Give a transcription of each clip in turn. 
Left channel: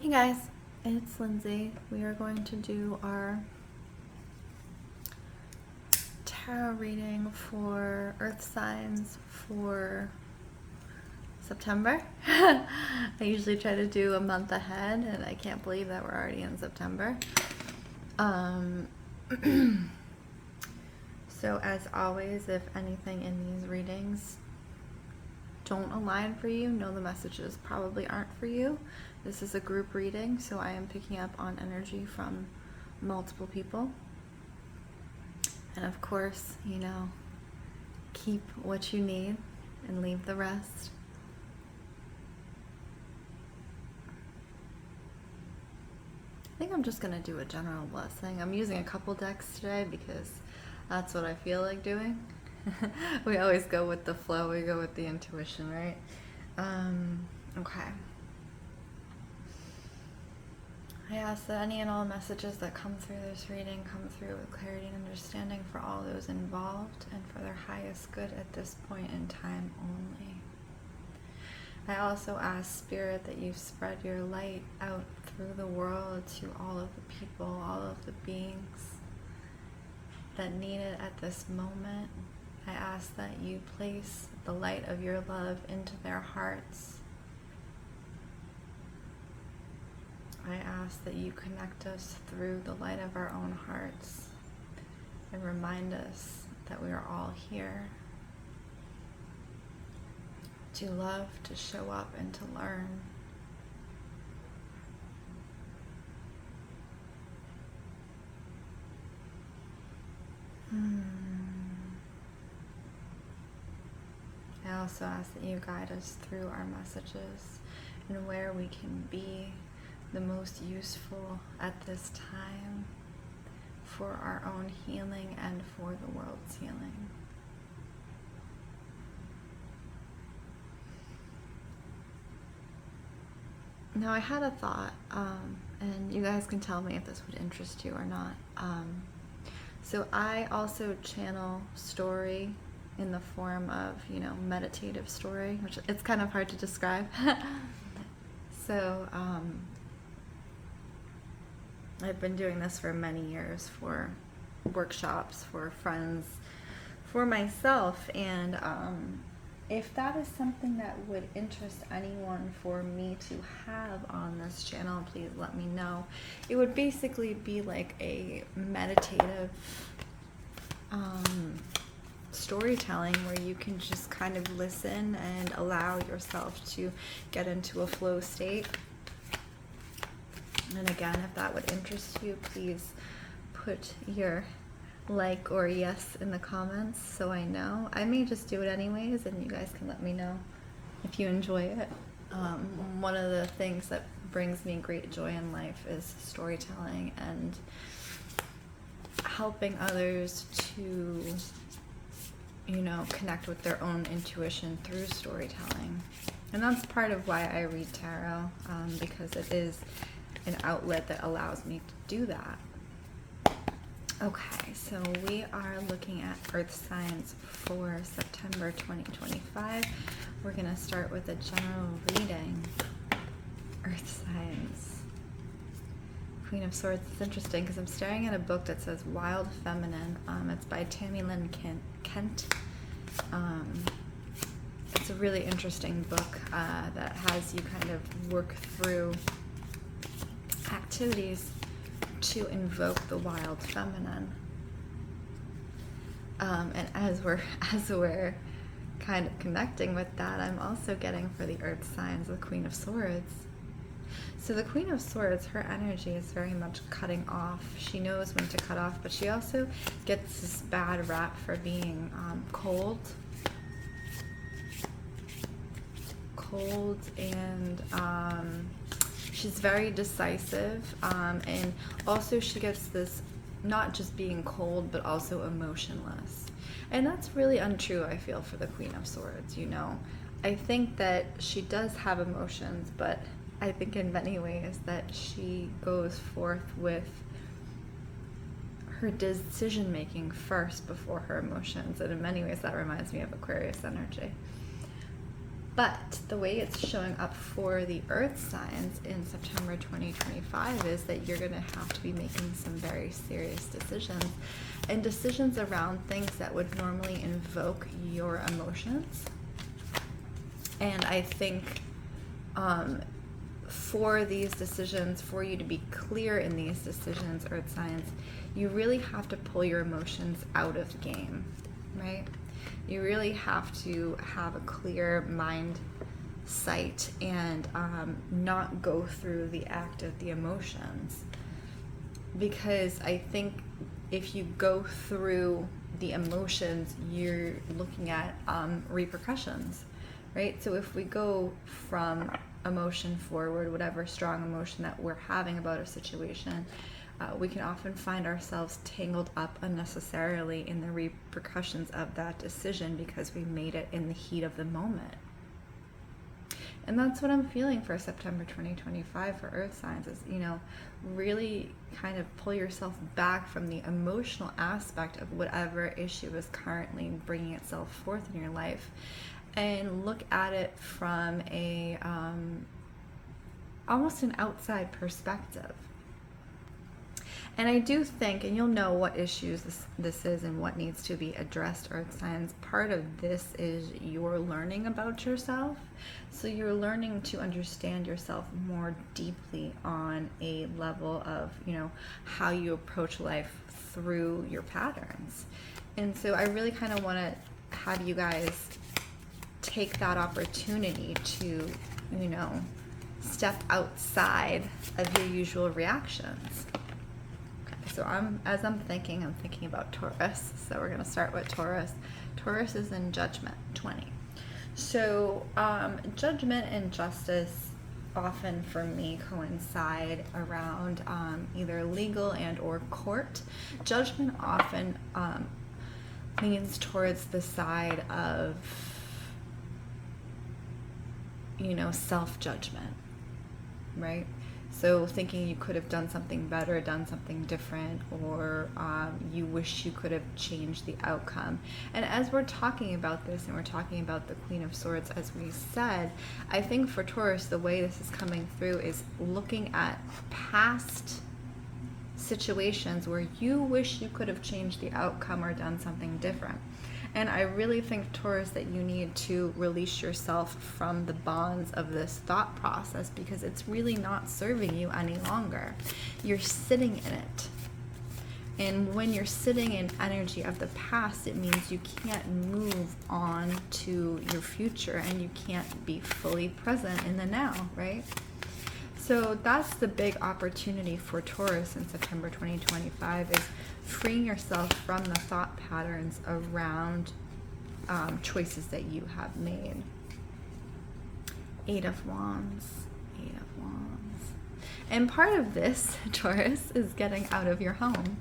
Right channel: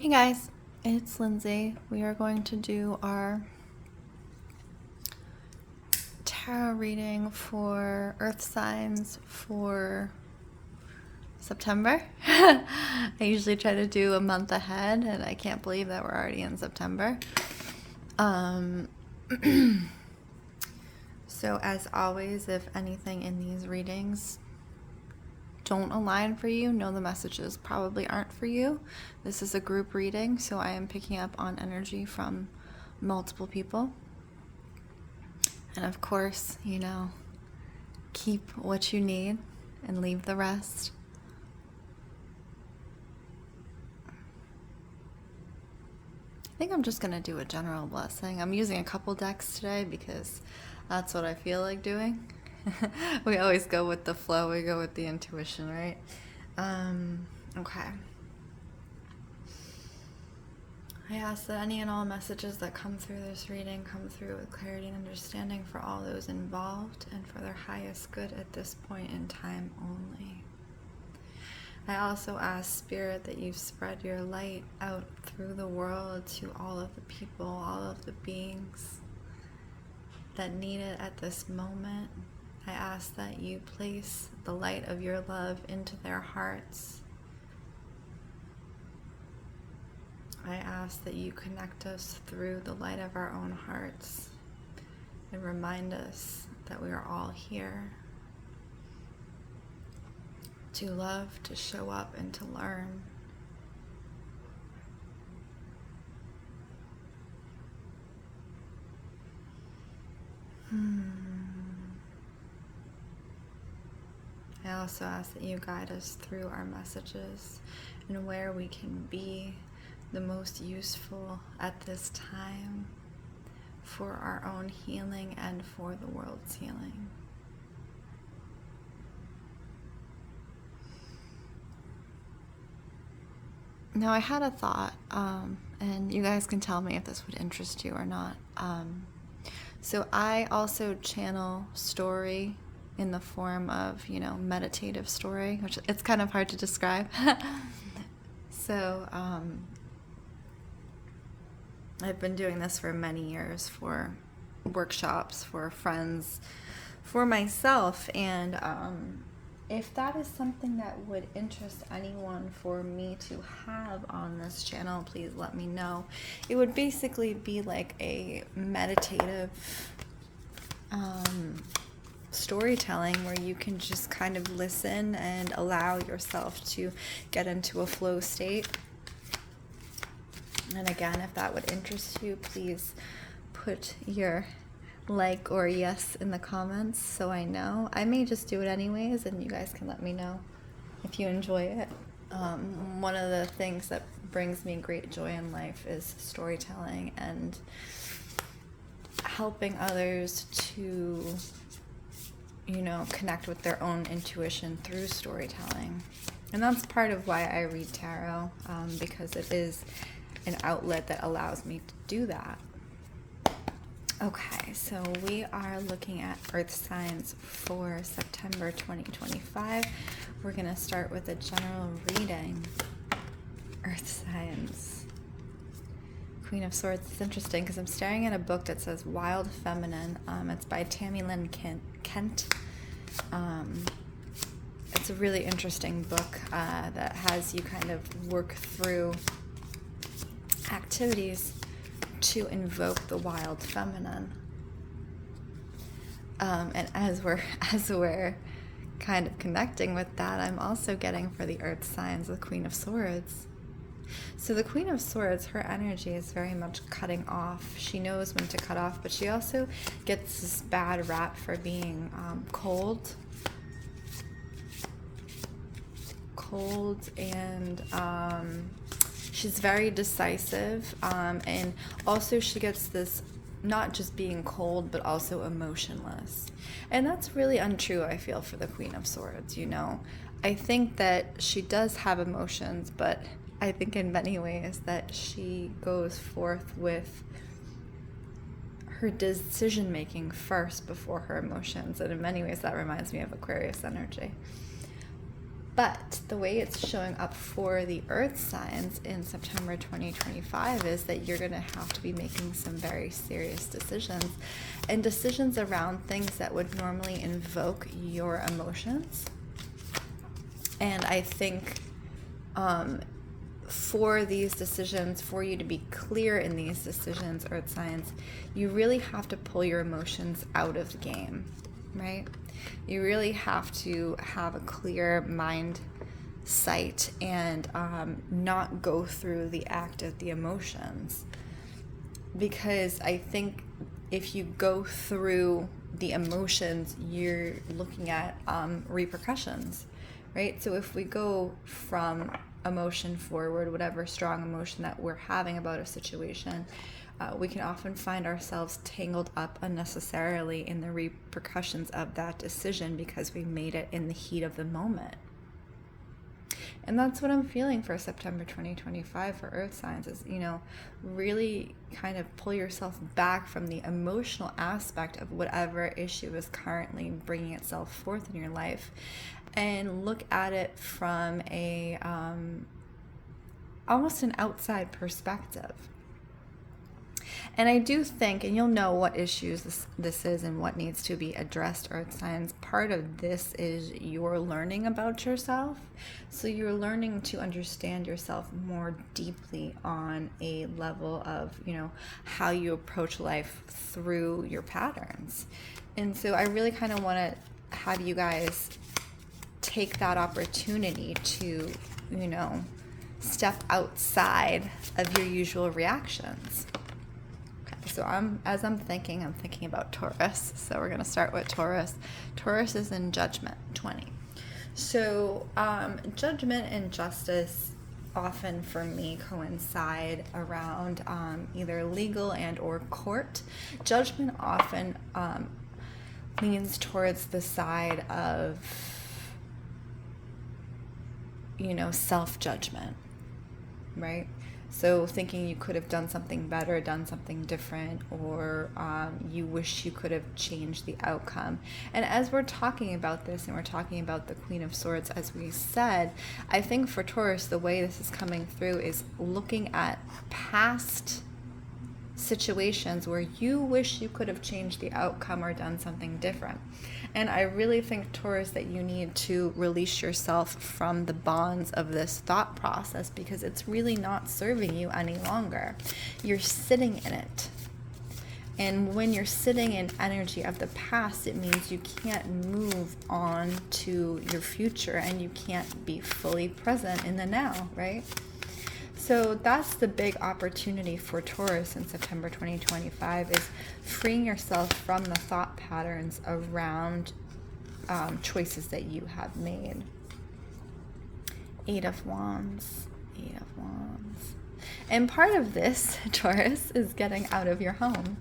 Hey guys, it's Lindsay. We are going to do our tarot reading for Earth signs for September. I usually try to do a month ahead, and I can't believe that we're already in September. So as always, if anything in these readings don't align for you, know the messages probably aren't for you. This is a group reading, so I am picking up on energy from multiple people. And of course, keep what you need and leave the rest. I think I'm just going to do a general blessing. I'm using a couple decks today because that's what I feel like doing. We always go with the flow, we go with the intuition, right? Okay. I ask that any and all messages that come through this reading come through with clarity and understanding for all those involved and for their highest good at this point in time only. I also ask, Spirit, that you spread your light out through the world to all of the people, all of the beings that need it at this moment. I ask that you place the light of your love into their hearts. I ask that you connect us through the light of our own hearts and remind us that we are all here to love, to show up, and to learn. I also ask that you guide us through our messages and where we can be the most useful at this time for our own healing and for the world's healing. Now, I had a thought, and you guys can tell me if this would interest you or not. So I also channel story in the form of, meditative story, which it's kind of hard to describe. So I've been doing this for many years for workshops, for friends, for myself, and if that is something that would interest anyone for me to have on this channel, please let me know. It would basically be like a meditative storytelling where you can just kind of listen and allow yourself to get into a flow state. And again, if that would interest you, please put your like or yes in the comments so I know. I may just do it anyways, and you guys can let me know if you enjoy it. One of the things that brings me great joy in life is storytelling and helping others to, connect with their own intuition through storytelling. And that's part of why I read tarot, because it is an outlet that allows me to do that. Okay, so we are looking at Earth signs for September 2025. We're going to start with a general reading. Earth signs. Queen of Swords. It's interesting because I'm staring at a book that says Wild Feminine. It's by Tammy Lynn Kent. It's a really interesting book that has you kind of work through activities to invoke the wild feminine. And as we're kind of connecting with that, I'm also getting for the Earth signs the Queen of Swords. So the Queen of Swords, her energy is very much cutting off. She knows when to cut off, but she also gets this bad rap for being cold, and she's very decisive, and also she gets this not just being cold but also emotionless, and that's really untrue, I feel, for the Queen of Swords. I think that she does have emotions, but I think in many ways that she goes forth with her decision making first before her emotions, and in many ways that reminds me of Aquarius energy. But the way it's showing up for the earth signs in September 2025 is that you're going to have to be making some very serious decisions, and decisions around things that would normally invoke your emotions. And I think for these decisions, for you to be clear in these decisions, earth signs, you really have to pull your emotions out of the game, right? You really have to have a clear mind sight and not go through the act of the emotions. Because I think if you go through the emotions, you're looking at repercussions, right? So if we go from emotion forward, whatever strong emotion that we're having about a situation, we can often find ourselves tangled up unnecessarily in the repercussions of that decision because we made it in the heat of the moment. And that's what I'm feeling for September 2025 for earth signs is, really kind of pull yourself back from the emotional aspect of whatever issue is currently bringing itself forth in your life, and look at it from a almost an outside perspective. And I do think, and you'll know what issues this is and what needs to be addressed, earth signs. Part of this is you're learning about yourself. So you're learning to understand yourself more deeply on a level of, how you approach life through your patterns. And so I really kind of want to have you guys take that opportunity to, step outside of your usual reactions. So as I'm thinking about Taurus. So we're going to start with Taurus. Taurus is in Judgment 20. So judgment and justice often for me coincide around either legal and or court. Judgment often leans towards the side of, self-judgment, right? So thinking you could have done something better, done something different, or you wish you could have changed the outcome. And as we're talking about this, and we're talking about the Queen of Swords, as we said, I think for Taurus, the way this is coming through is looking at past situations where you wish you could have changed the outcome or done something different. And I really think, Taurus, that you need to release yourself from the bonds of this thought process because it's really not serving you any longer. You're sitting in it. And when you're sitting in energy of the past, it means you can't move on to your future and you can't be fully present in the now, right? So that's the big opportunity for Taurus in September 2025 is freeing yourself from the thought patterns around choices that you have made. Eight of Wands. And part of this, Taurus, is getting out of your home.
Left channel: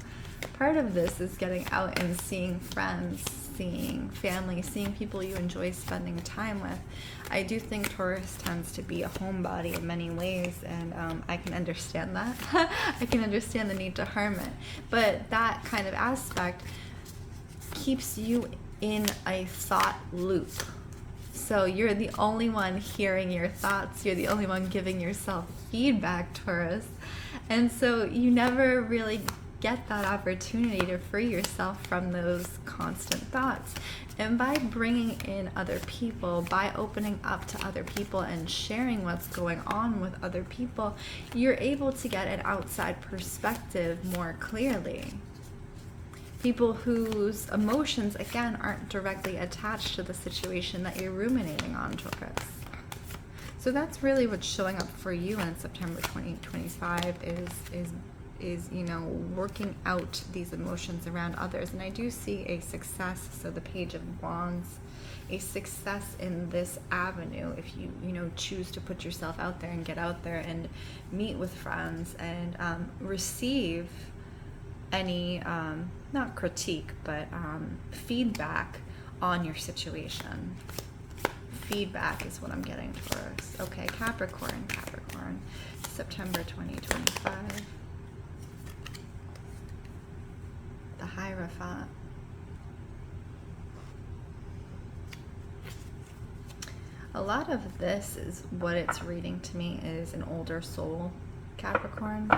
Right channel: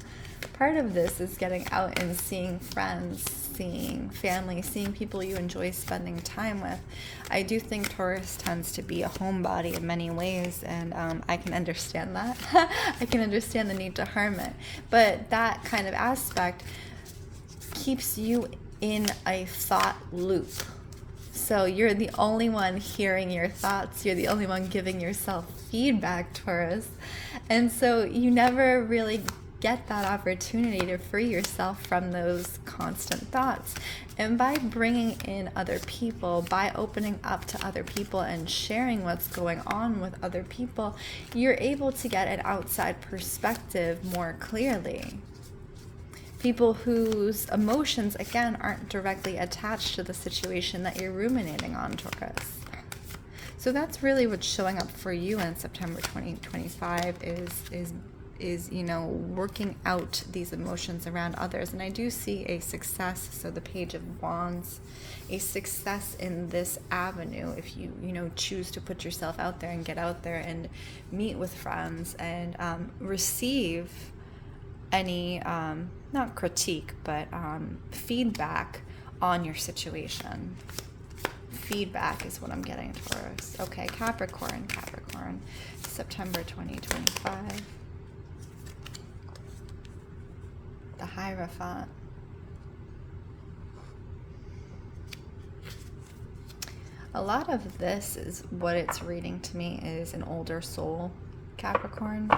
Part of this is getting out and seeing friends, seeing family, seeing people you enjoy spending time with. I do think Taurus tends to be a homebody in many ways, and I can understand that. I can understand the need to hermit. But that kind of aspect keeps you in a thought loop. So you're the only one hearing your thoughts. You're the only one giving yourself feedback, Taurus. And so you never really get that opportunity to free yourself from those constant thoughts. And by bringing in other people, by opening up to other people and sharing what's going on with other people, you're able to get an outside perspective more clearly. People whose emotions, again, aren't directly attached to the situation that you're ruminating on, Taurus. So that's really what's showing up for you in September 2025 is working out these emotions around others. And I do see a success, so the Page of Wands, a success in this avenue if you choose to put yourself out there and get out there and meet with friends and receive any not critique but feedback on your situation. Feedback is what I'm getting, Taurus. Okay, Capricorn, September 2025. The Hierophant. A lot of this is what it's reading to me is an older soul, Capricorn.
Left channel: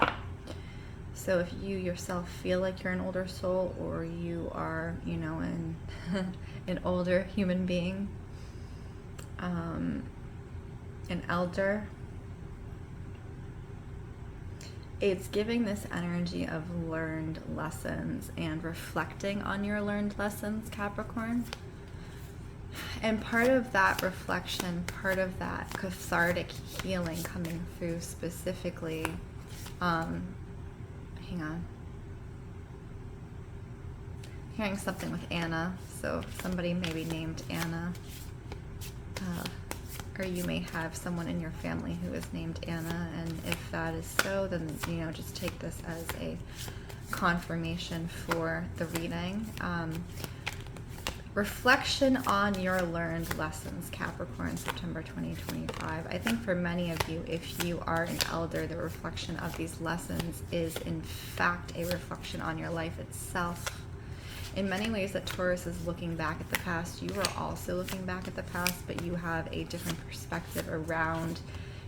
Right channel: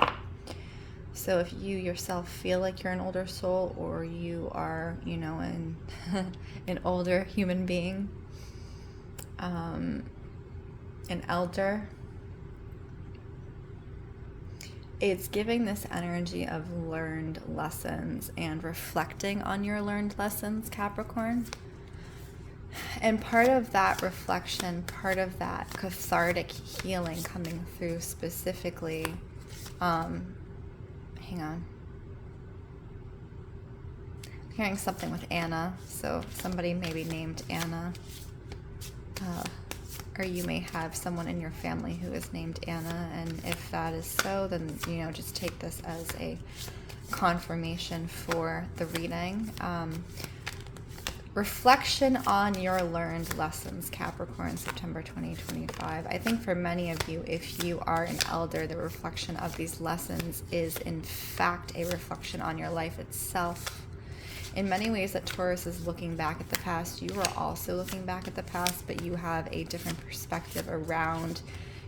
So if you yourself feel like you're an older soul, or you are, you know, an older human being, an elder, it's giving this energy of learned lessons and reflecting on your learned lessons, Capricorn. And part of that reflection, part of that cathartic healing coming through specifically, hang on. I'm hearing something with Anna, so somebody maybe named Anna. Or you may have someone in your family who is named Anna, and if that is so, then, you know, just take this as a confirmation for the reading. Reflection on your learned lessons, Capricorn, September 2025. I think for many of you, if you are an elder, the reflection of these lessons is in fact a reflection on your life itself. In many ways that Taurus is looking back at the past, you are also looking back at the past, but you have a different perspective around,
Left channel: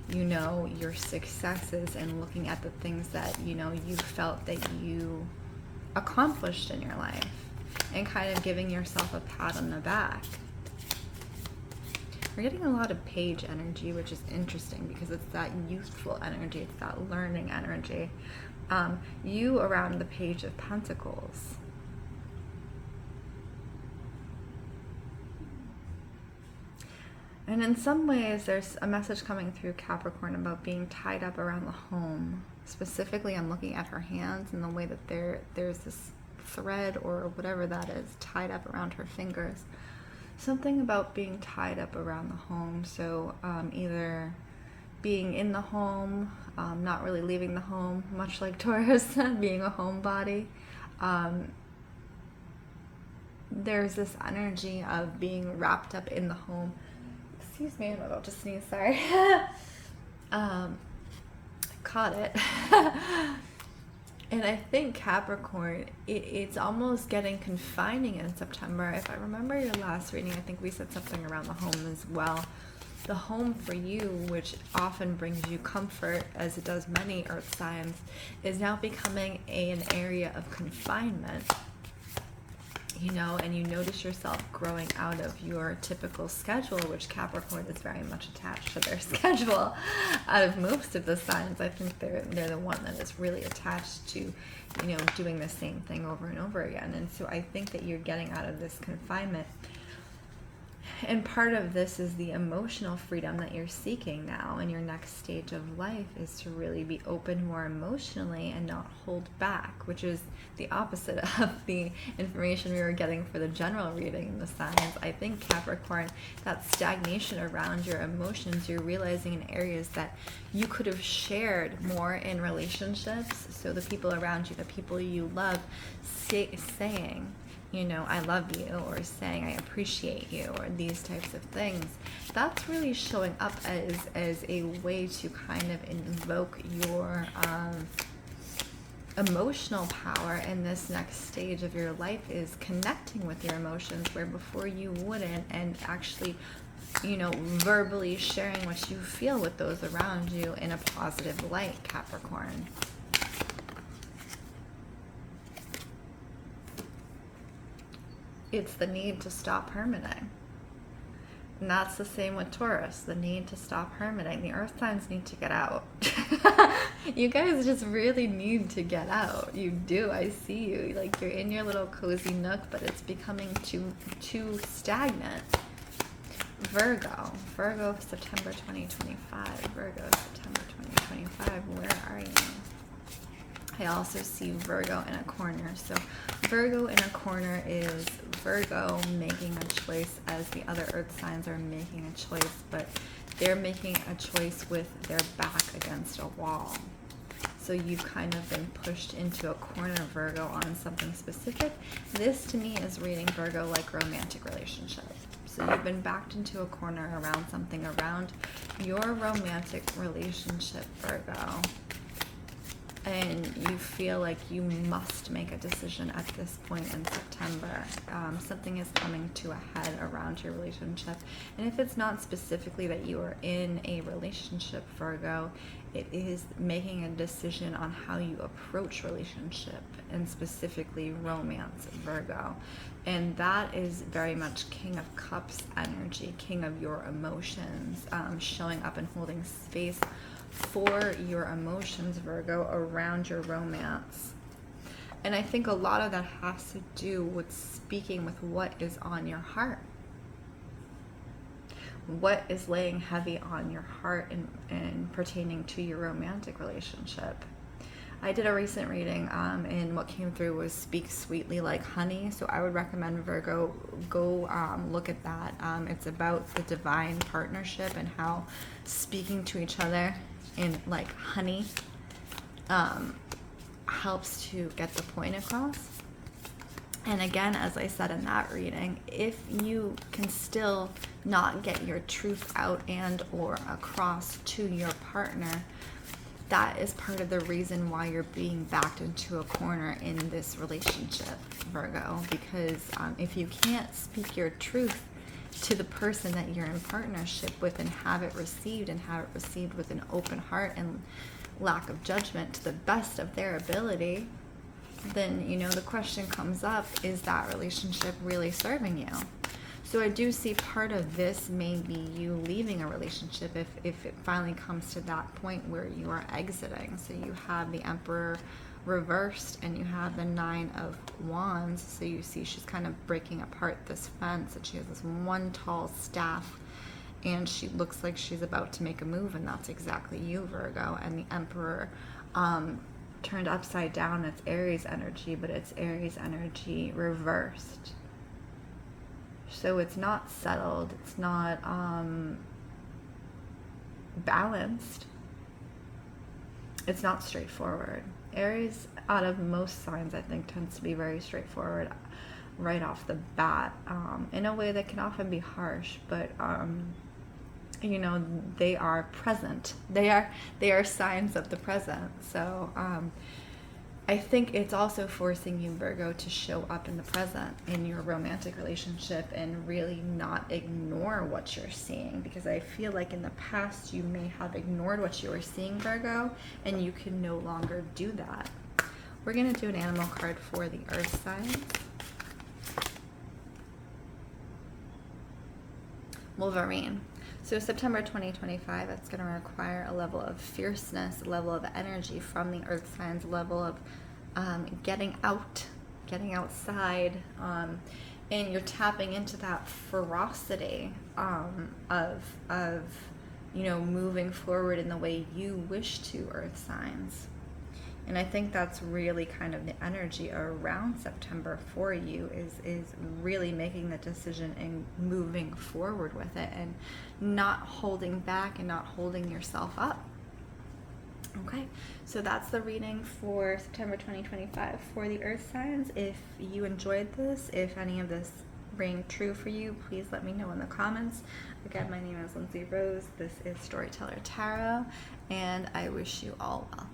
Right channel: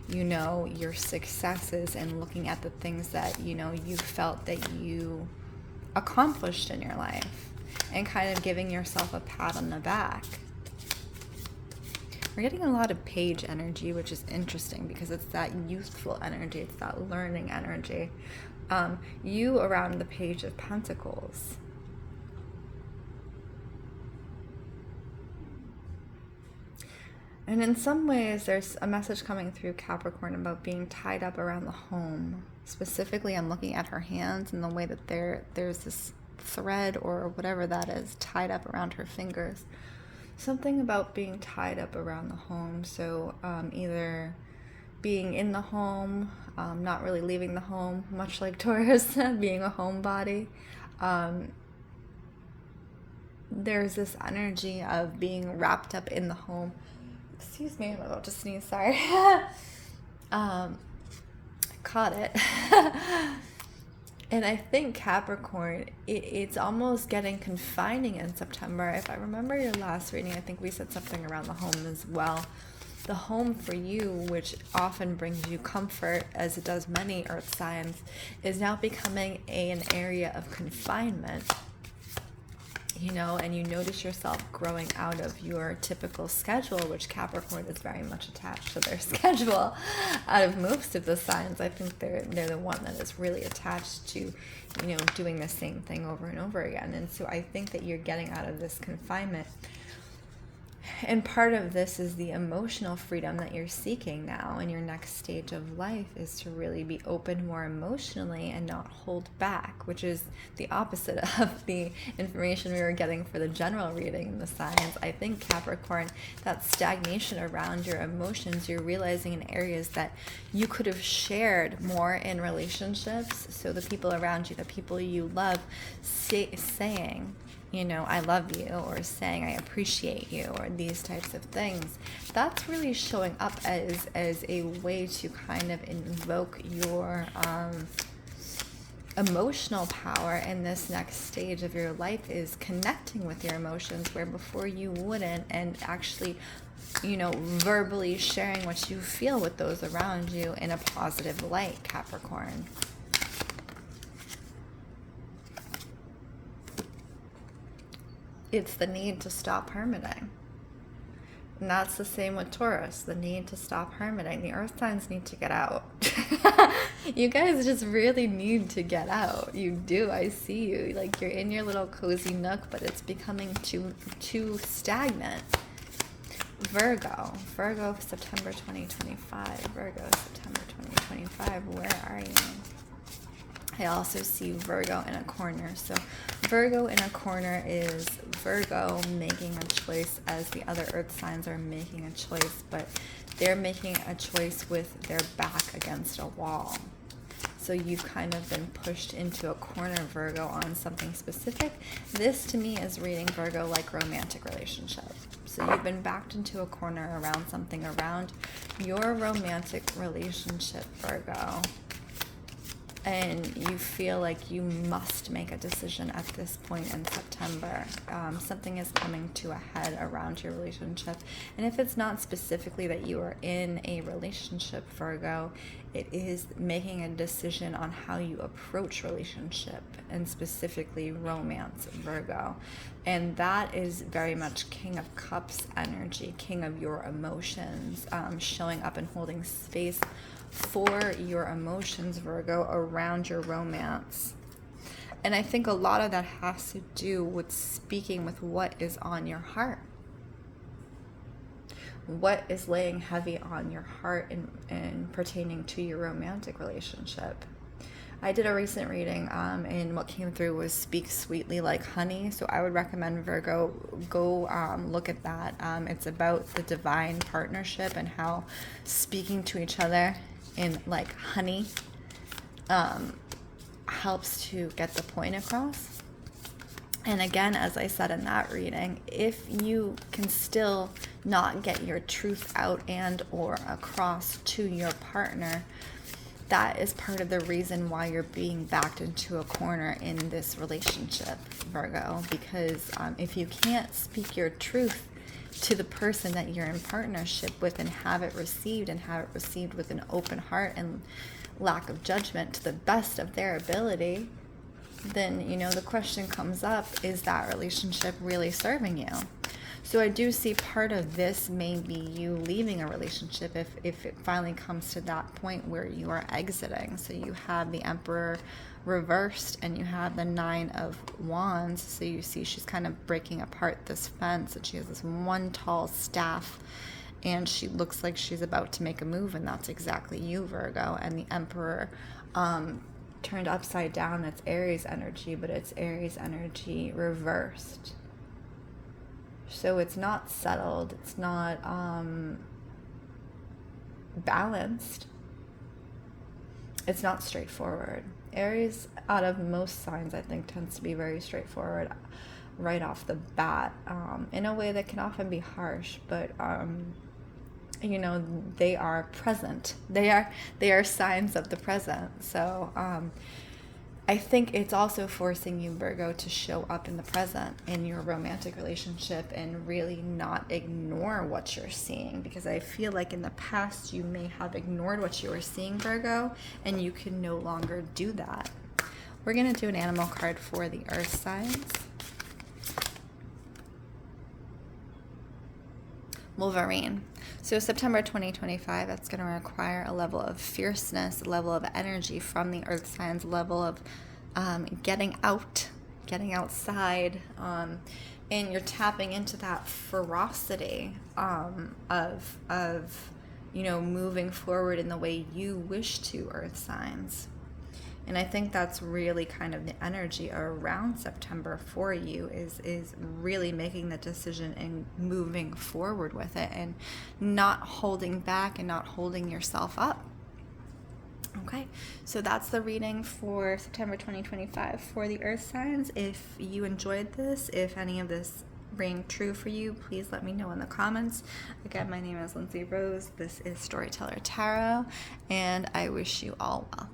you know, your successes and looking at the things that, you know, you felt that you accomplished in your life, and kind of giving yourself a pat on the back. We're getting a lot of page energy, which is interesting because it's that youthful energy, it's that learning energy. You around the Page of Pentacles. And in some ways, there's a message coming through Capricorn about being tied up around the home. Specifically, I'm looking at her hands and the way that there's this thread or whatever that is tied up around her fingers. Something about being tied up around the home. So either being in the home, not really leaving the home, much like Taurus, being a homebody. There's this energy of being wrapped up in the home. Excuse me, I'm about to sneeze, sorry. I caught it. And I think Capricorn, it's almost getting confining in September. If I remember your last reading, I think we said something around the home as well. The home for you, which often brings you comfort, as it does many earth signs, is now becoming an area of confinement. You know, and you notice yourself growing out of your typical schedule, which Capricorn is very much attached to their schedule. Out of most of the signs, I think they're the one that is really attached to, you know, doing the same thing over and over again. And so I think that you're getting out of this confinement. And part of this is the emotional freedom that you're seeking now in your next stage of life, is to really be open more emotionally and not hold back, which is the opposite of the information we were getting for the general reading in the signs. I think Capricorn, that stagnation around your emotions, you're realizing in areas that you could have shared more in relationships. So the people around you, the people you love, saying, you know, I love you, or saying I appreciate you, or these types of things. That's really showing up as a way to kind of invoke your emotional power in this next stage of your life, is connecting with your emotions where before you wouldn't, and actually, you know, verbally sharing what you feel with those around you in a positive light, Capricorn. It's the need to stop hermiting. And that's the same with Taurus, the need to stop hermiting. The earth signs need to get out. You guys just really need to get out. You do. I see you. Like, you're in your little cozy nook, but it's becoming too stagnant. Virgo, September 2025. Virgo, September 2025. Where are you? I also see Virgo in a corner. So Virgo in a corner is Virgo making a choice as the other earth signs are making a choice, but they're making a choice with their back against a wall. So you've kind of been pushed into a corner, Virgo, on something specific. This to me is reading Virgo like romantic relationships. So you've been backed into a corner around something around your romantic relationship, Virgo. and you feel like you must make a decision at this point in September. Something is coming to a head around your relationship. And if it's not specifically that you are in a relationship, Virgo, it is making a decision on how you approach relationship, and specifically romance, Virgo. And that is very much King of Cups energy, King of your emotions, showing up and holding space for your emotions, Virgo, around your romance. And I think a lot of that has to do with speaking with what is on your heart. What is laying heavy on your heart and pertaining to your romantic relationship. I did a recent reading, and what came through was speak sweetly like honey. So I would recommend, Virgo, go look at that. It's about the divine partnership and how speaking to each other in like honey helps to get the point across. And again, as I said in that reading, if you can still not get your truth out and or across to your partner, that is part of the reason why you're being backed into a corner in this relationship, Virgo. Because if you can't speak your truth to the person that you're in partnership with and have it received, and have it received with an open heart and lack of judgment to the best of their ability, then, you know, the question comes up, is that relationship really serving you? So I do see part of this may be you leaving a relationship if it finally comes to that point where you are exiting. So you have the Emperor reversed and you have the Nine of Wands. So you see she's kind of breaking apart this fence, and she has this one tall staff, and she looks like she's about to make a move, and that's exactly you, Virgo. And the Emperor turned upside down, it's Aries energy, but it's Aries energy reversed. So it's not settled, it's not balanced, it's not straightforward. Aries, out of most signs, I think, tends to be very straightforward right off the bat, in a way that can often be harsh, but you know, they are present. They are signs of the present. So I think it's also forcing you, Virgo, to show up in the present in your romantic relationship and really not ignore what you're seeing, because I feel like in the past you may have ignored what you were seeing, Virgo, and you can no longer do that. We're going to do an animal card for the earth signs. Wolverine. So September 2025, that's going to require a level of fierceness, a level of energy from the earth signs, level of getting outside, and you're tapping into that ferocity of you know, moving forward in the way you wish to, earth signs. And I think that's really kind of the energy around September for you, is really making the decision and moving forward with it, and not holding back and not holding yourself up. Okay, so that's the reading for September 2025 for the earth signs. If you enjoyed this, if any of this rang true for you, please let me know in the comments. Again, my name is Lindsey Rose. This is Storyteller Tarot, and I wish you all well.